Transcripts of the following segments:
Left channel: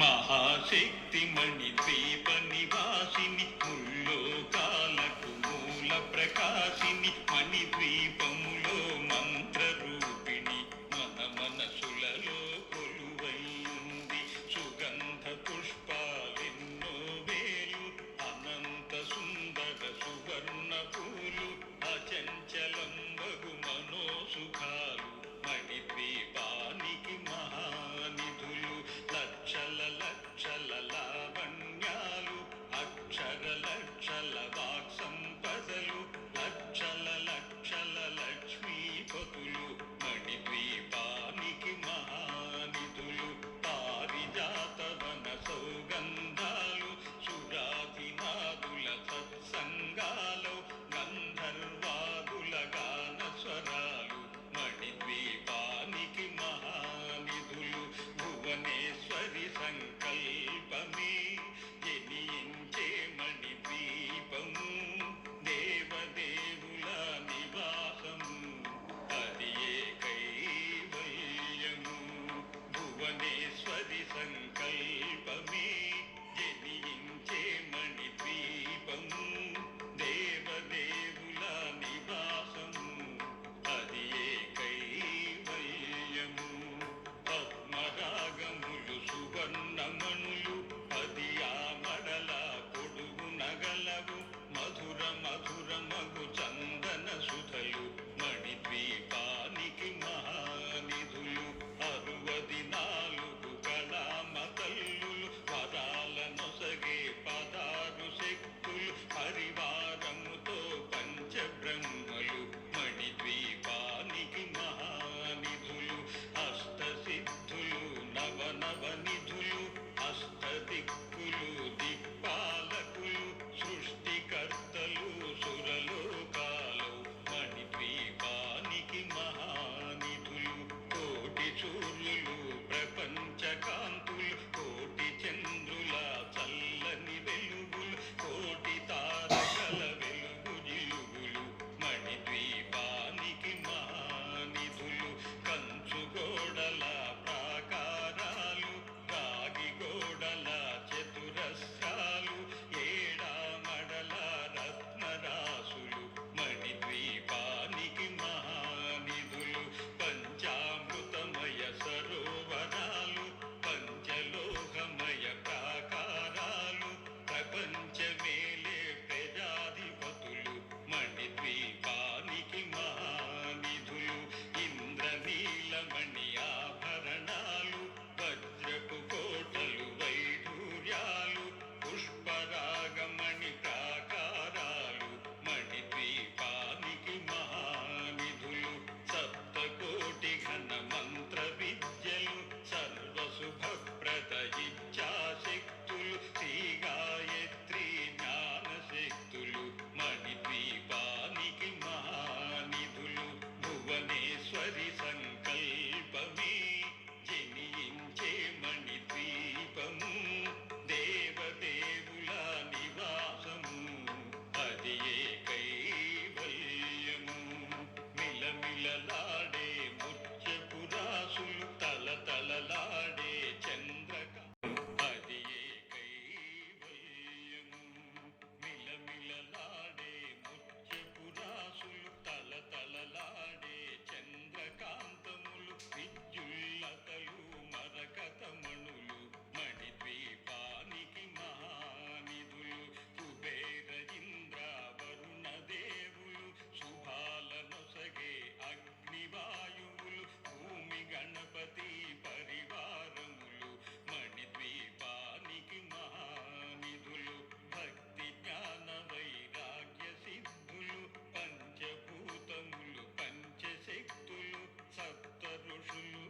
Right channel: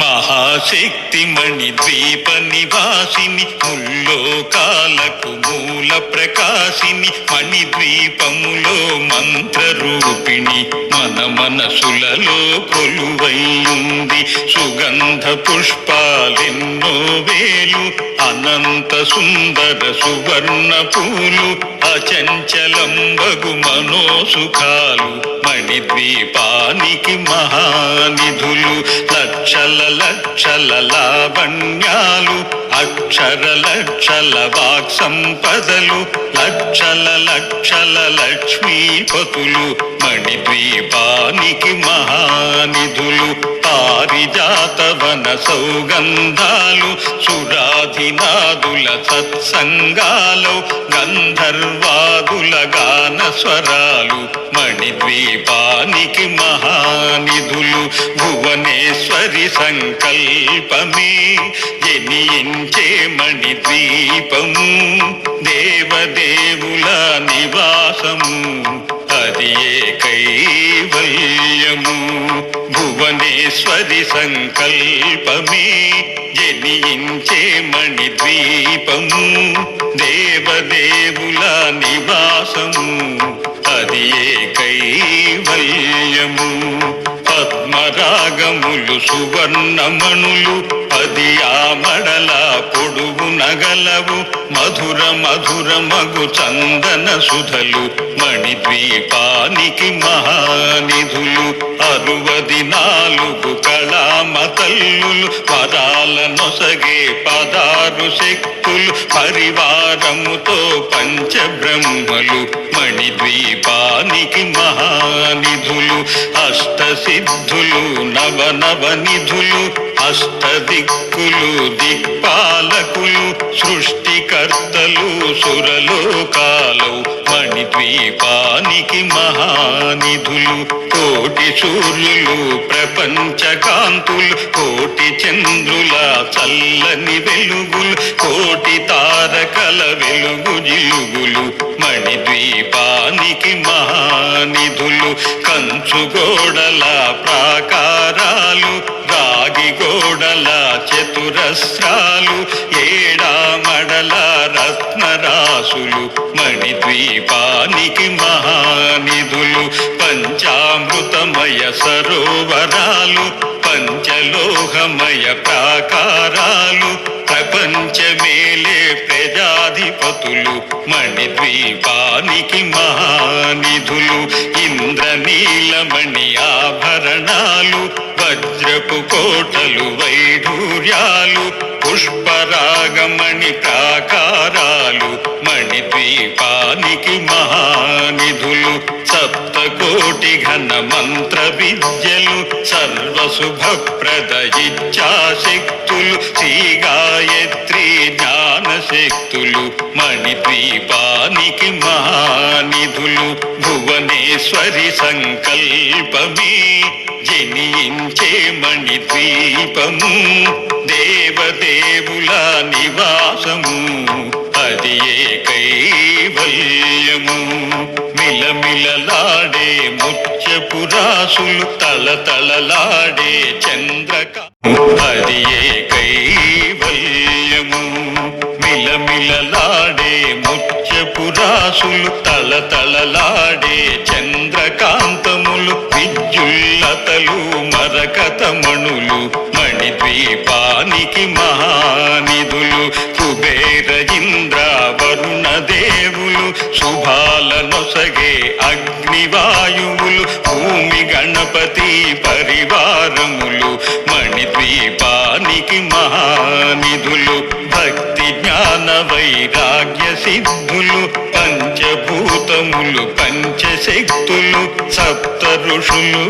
మహాశక్తిమణి ద్వీప నివాసిని ముల్లోకాలకు మూల ప్రకాశిని మణిద్వీపములో మంత్రరూపిణి మన మనసులలో కొలువైయుంది. సుగంధ పుష్పాలెన్నో వేలు అనంత సుందర సువర్ణ పూలు అచంచలంబగు మనోసుఖాలు మణిద్వీపానికి మహానిధులు. లక్షల లక్షల లావణ్యాలు అక్షర లక్షల వాక్ సంపదలు లక్షల లక్షల లక్ష్మీపతులు మణిద్వీపానికి మహానిధులు. పారిజాతవన సౌగంధాలు సురాధినాదుల సత్సంగాలు గంధర్వాదుల గాన స్వరాలు మణిద్వీపానికి మహానిధులు. భువనేశ్వరి సంకల్పమే జనించే మణిద్వీపము దేవదేవుల నివాసము అది ఏ కైవల్యము. భువనేశ్వరి సంకల్పమే జనించే మణిద్వీపము దేవదేవుల నివాసము అది ఏ కైవల్యము. పద్మరాగములు సువర్ణమణులు పది ఆమడల పొడుగు నగలవు మధుర మధుర మగు చందన సుధలు మణిద్వీపానికి మహానిధులు. 64 కళామతల్లులు వరాల నొసగే 16 శక్తులు పరివారముతో పంచబ్రహ్మలు మణిద్వీపానికి మహానిధులు. అష్టసిద్ధులు నవనవనిధులు అష్టదిక్కులు దిక్పాలకులు సృష్టికర్తలు సురలోకాలు మణిద్వీపానికి మహానిధులు. కోటి సూర్యులు ప్రపంచకాంతులు కోటి చంద్రుల చల్లని వెలుగులు కోటి తారకల వెలుగు జిలుగులు మణిద్వీపానికి మహానిధులు. కంచుగోడల ప్రాకారాలు రాగి గోడల చతురస్రాలు ఏడామడల రత్నరాసులు మణిద్వీపానికి మహానిధులు. పంచామృతమయ సరోవరాలు పంచలోహమయ ప్రాకారాలు ప్రపంచమేలే ప్రజాధిపతులు మణిద్వీపానికి మహానిధులు. ఇంద్రనీలమణి ఆభరణాలు వజ్రపు కోటలు వైఢూర్యాలు పుష్పరాగమణి ప్రాకారాలు మణిద్వీపానికి మహానిధులు. సప్తకోటి ఘన మంత్ర విద్యలు సర్వశుభప్రద ఇచ్ఛాశక్తులు శ్రీ గాయత్రి జ్ఞానశక్తులు మణిద్వీపానికి మహానిధులు. భువనేశ్వరి సంకల్పమే జనించే మణిద్వీపము దేవదేవుల నివాసము అది ఏ కైవల్యము. మిలమిలలాడే ముత్యపురాసులు తలతలలాడే చంద్రక అది ఏ కైవల్యము. మిలమిలలాడే ముత్యపురాసులు తలతలలాడే చంద్రకాంతములు విద్యుల్లతలు మరకతమణులు మణిద్వీపానికి మహానిధులు. కుబేర ఇంద్ర వరుణ దేవులు శుభాల నొసగే అగ్నివాయువులు భూమి గణపతి పరివారములు మణిద్వీపానికి మహానిధులు. భక్తి జ్ఞాన వైరాగ్య సిద్ధులు పంచభూతములు పంచశక్తులు సప్త ఋషులు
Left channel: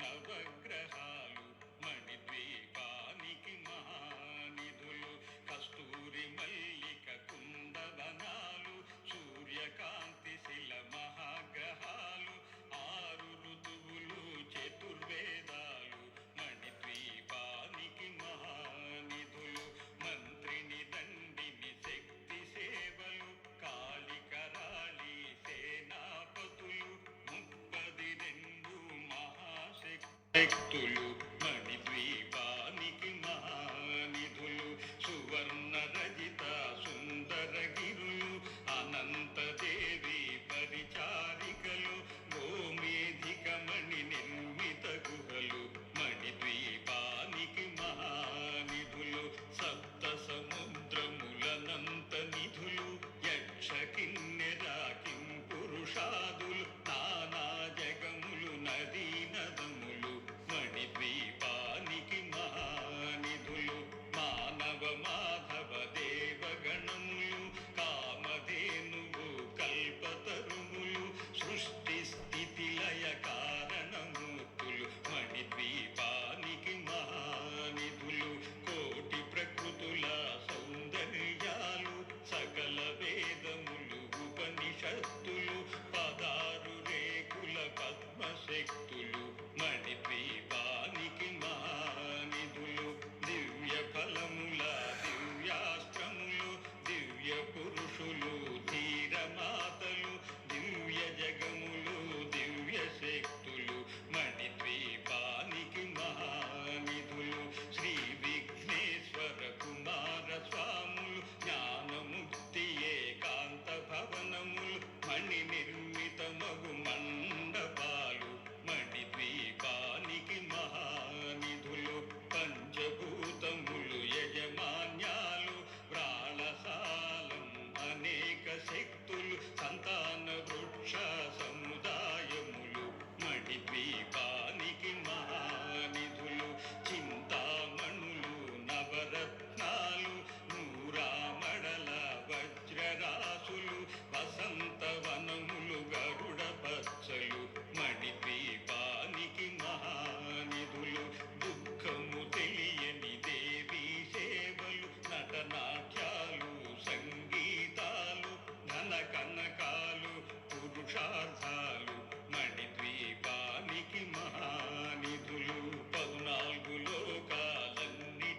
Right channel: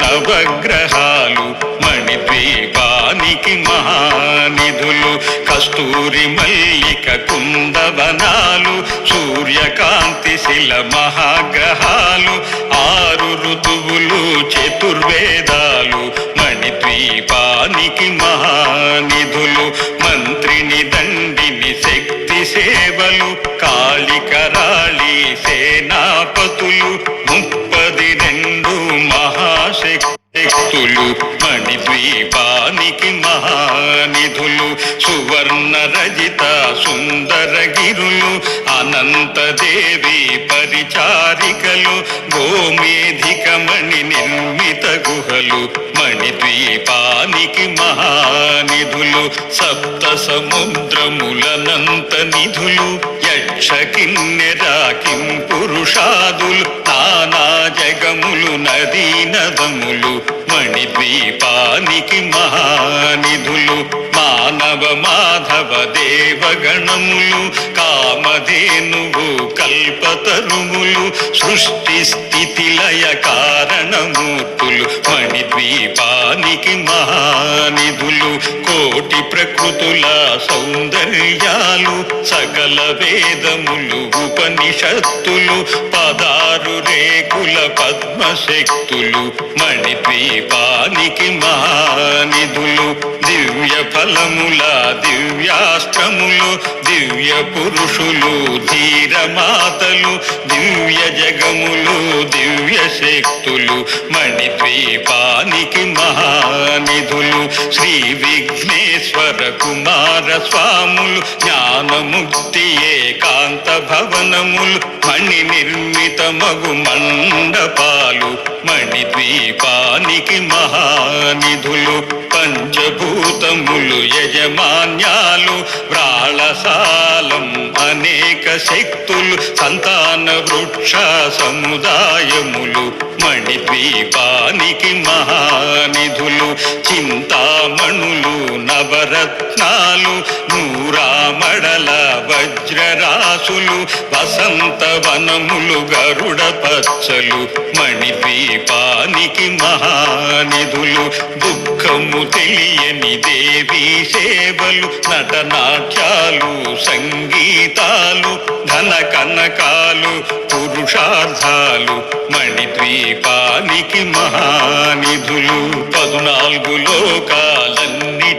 నవగ్రహాలు మణిద్వీపానికి మహానిధులు. కస్తూరి మల్లిక కుందవనాలు సూర్యకాంతి శిల మహాగ్రహాలు 6 ఋతువులు చతుర్వేదాలు మణిద్వీపానికి మహానిధులు. మంత్రిని దండిని శక్తి సేవలు కాళికరాళి సేనాపతులు 32 మహాశక్తి శక్తులు మణిద్వీపానికి మహానిధులు సువర్ణ రజిత సుందర గిరులు అనంతదేవి పరిచారికలు గోమేధిక మణి నిర్మిత గుహలు మణిద్వీపానికి మహానిధులు సప్త సముద్రములనంత నిధులు యక్ష కిన్నెర కింపురుషాదులు నానా జగములు నదీ నదములు మణిద్వీపానికి మహానిధులు మానవ మాధవ దేవగణములు కామధేనువు కల్పతరువులు సృష్టి స్థితి లయ కారణమూర్తులు మణిద్వీపానికి మహానిధులు కోటి ప్రకృతుల సౌందర్యాలు సకల వేదములు ఉపనిషత్తులు పదారు రేకుల పద్మశక్తులు మణిద్వీపానికి మహానిధులు దివ్య ఫలముల దివ్యాస్త్రములు దివ్య పురుషులు ధీరమాతలు దివ్య జగములు దివ్య శక్తులు మణిద్వీపానికి మహానిధులు శ్రీ విఘ్నేశ్వర కుమార స్వాములు జ్ఞానముక్తి ఏకాంత భవనములు మణి నిర్మిత మగు మండపాలు మణిద్వీపానికి మహానిధులు పంచభూతములు యజమాన్యాలు వ్రాళసాలం అనేక శక్తులు సంతాన వృక్ష సముదాయములు మణిద్వీపానికి మహానిధులు చింతామణులు నవరత్నాలు నూరామడల వజ్రరాసులు వసంతవనములు గరుడ పచ్చలు మణిద్వీపానికి మహానిధులు దుఃఖము తెలియని దేవీ సేవలు నటనాట్యాలు సంగీతాలు ధన కనకాలు పురుషార్థాలు మణిద్వీపానికి మహానిధులు 14 లోకాలన్నిటిపైన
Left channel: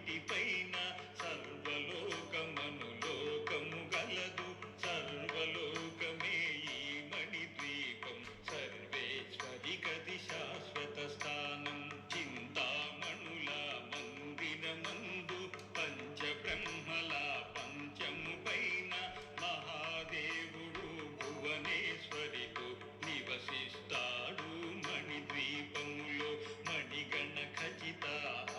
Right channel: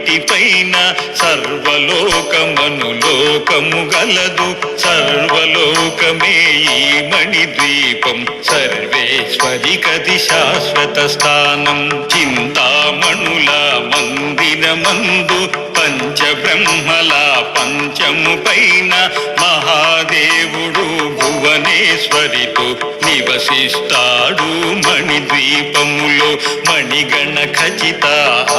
సర్వలోకమనులోకము గలదు సర్వలోకమే ఈ మణిద్వీపం సర్వేశ్వరికది శాశ్వత స్థానం చింతామణుల మందిరమందు పంచబ్రహ్మల పంచము పైన మహాదేవుడు భువనేశ్వరితో నివసిస్తాడు మణిద్వీపములో మణిగణ ఖచిత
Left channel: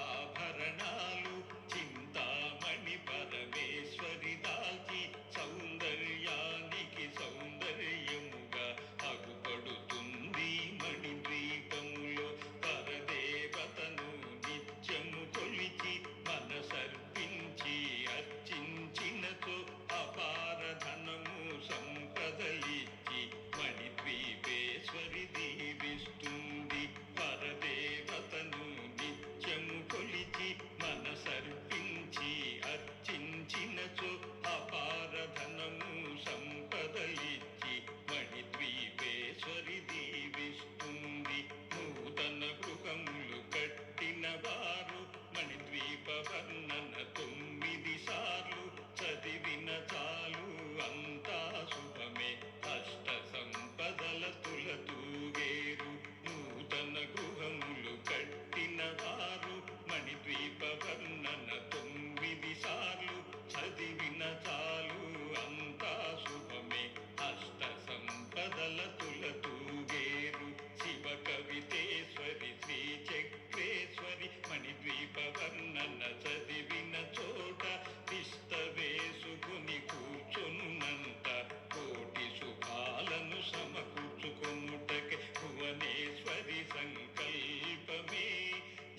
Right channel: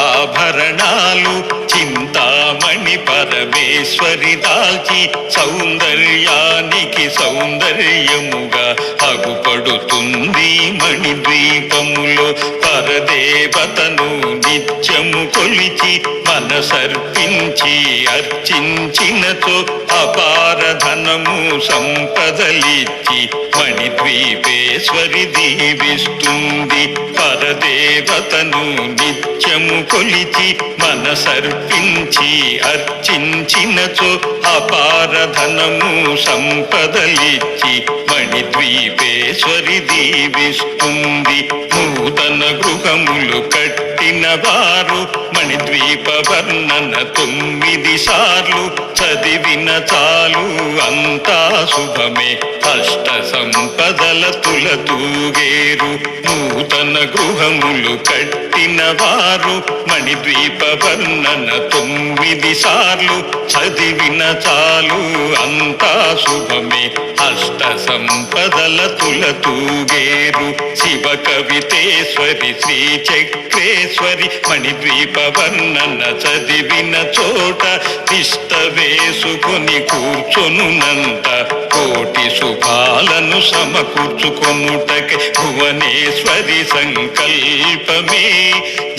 ఆభరణాలు చింతామణి పరమేశ్వరి దాల్చి సౌందర్యానికి సౌందర్యముగా అగుపడుతుంది మణిద్వీపములో పరదేవతను నిత్యము కొలిచి మనసర్పించి అర్చించినతో అపార ధనము సంపదలిచ్చి మణిద్వీపేశ్వరి దీవిస్తుంది పరదేవతను నిత్యము కొలిచి మనసర్పించి అర్చించినచో అపార ధనము సంపదలిచ్చి మణిద్వీపేశ్వరి దీవిస్తుంది నూతన గృహములు కట్టిన వారు మణిద్వీప వర్ణన 9 సార్లు చదివిన చాలు అంతా శుభమే అష్ట సంపదల తులతూగేరు నూతన గృహములు కట్టిన వారు మణిద్వీప వర్ణన 9 సార్లు చదివిన చాలు అంతా శుభమే అష్ట సంపదల తులతూగేరు శివ కవితేశ్వరి శ్రీ చక్రేశ్వరి మణిద్వీప వర్ణన చదివిన చోట తిష్ట వేసుకొని కూర్చొనునంత కోటి శుభాలను సమకూర్చుకొనుటకే భువనేశ్వరి సంకల్పమే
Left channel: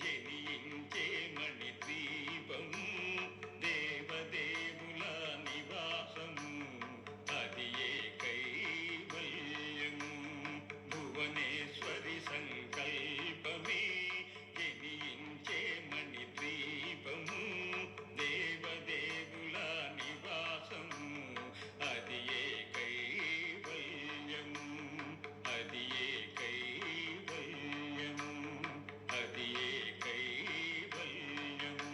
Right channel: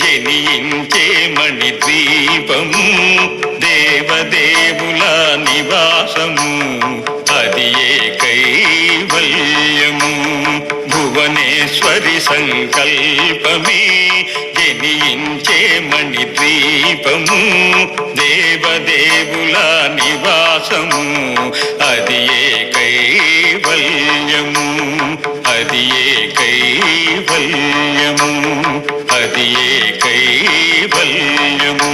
జనించే మణిద్వీపము దేవదేవుల నివాసము అది ఏ కైవల్యము భువనేశ్వరి సంకల్పమే జనించే మణిద్వీపము దేవదేవుల నివాసము అది ఏ కైవల్యము అది ఏ కైవల్యము అది ఏ కైవల్యము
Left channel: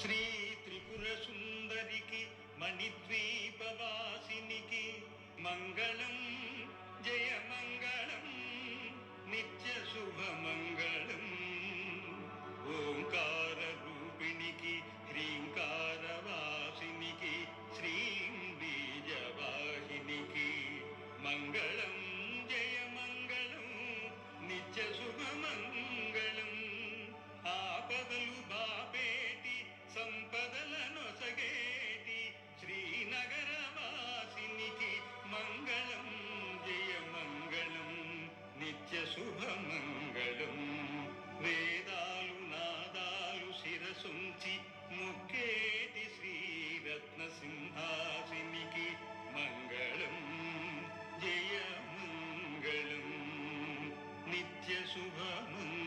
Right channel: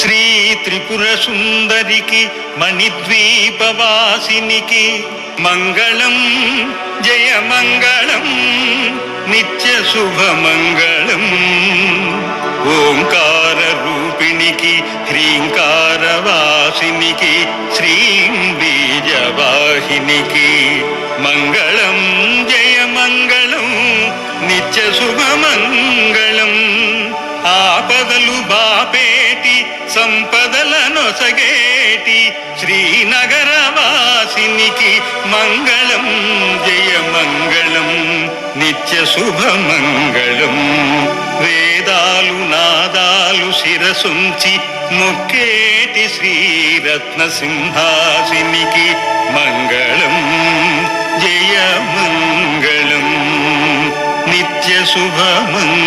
శ్రీ త్రిపుర సుందరికి మణిద్వీపవాసినికి మంగళం జయ మంగళం నిత్య శుభమంగళం ఓంకార రూపిణికి హ్రీంకార వాసినికి శ్రీం బీజవాహినికి మంగళం జయ మంగళం నిత్య శుభమంగళం ఆపదలు బాపేటి సంపదల నొసగేటి శ్రీనగర వాసినికి మంగళం జయ మంగళం నిత్య శుభమంగళం వేదాలు నాదాలు శిరసుంచి మొక్కేటి శ్రీరత్న సింహాసినికి మంగళం జయ మంగళం నిత్య శుభమంగళం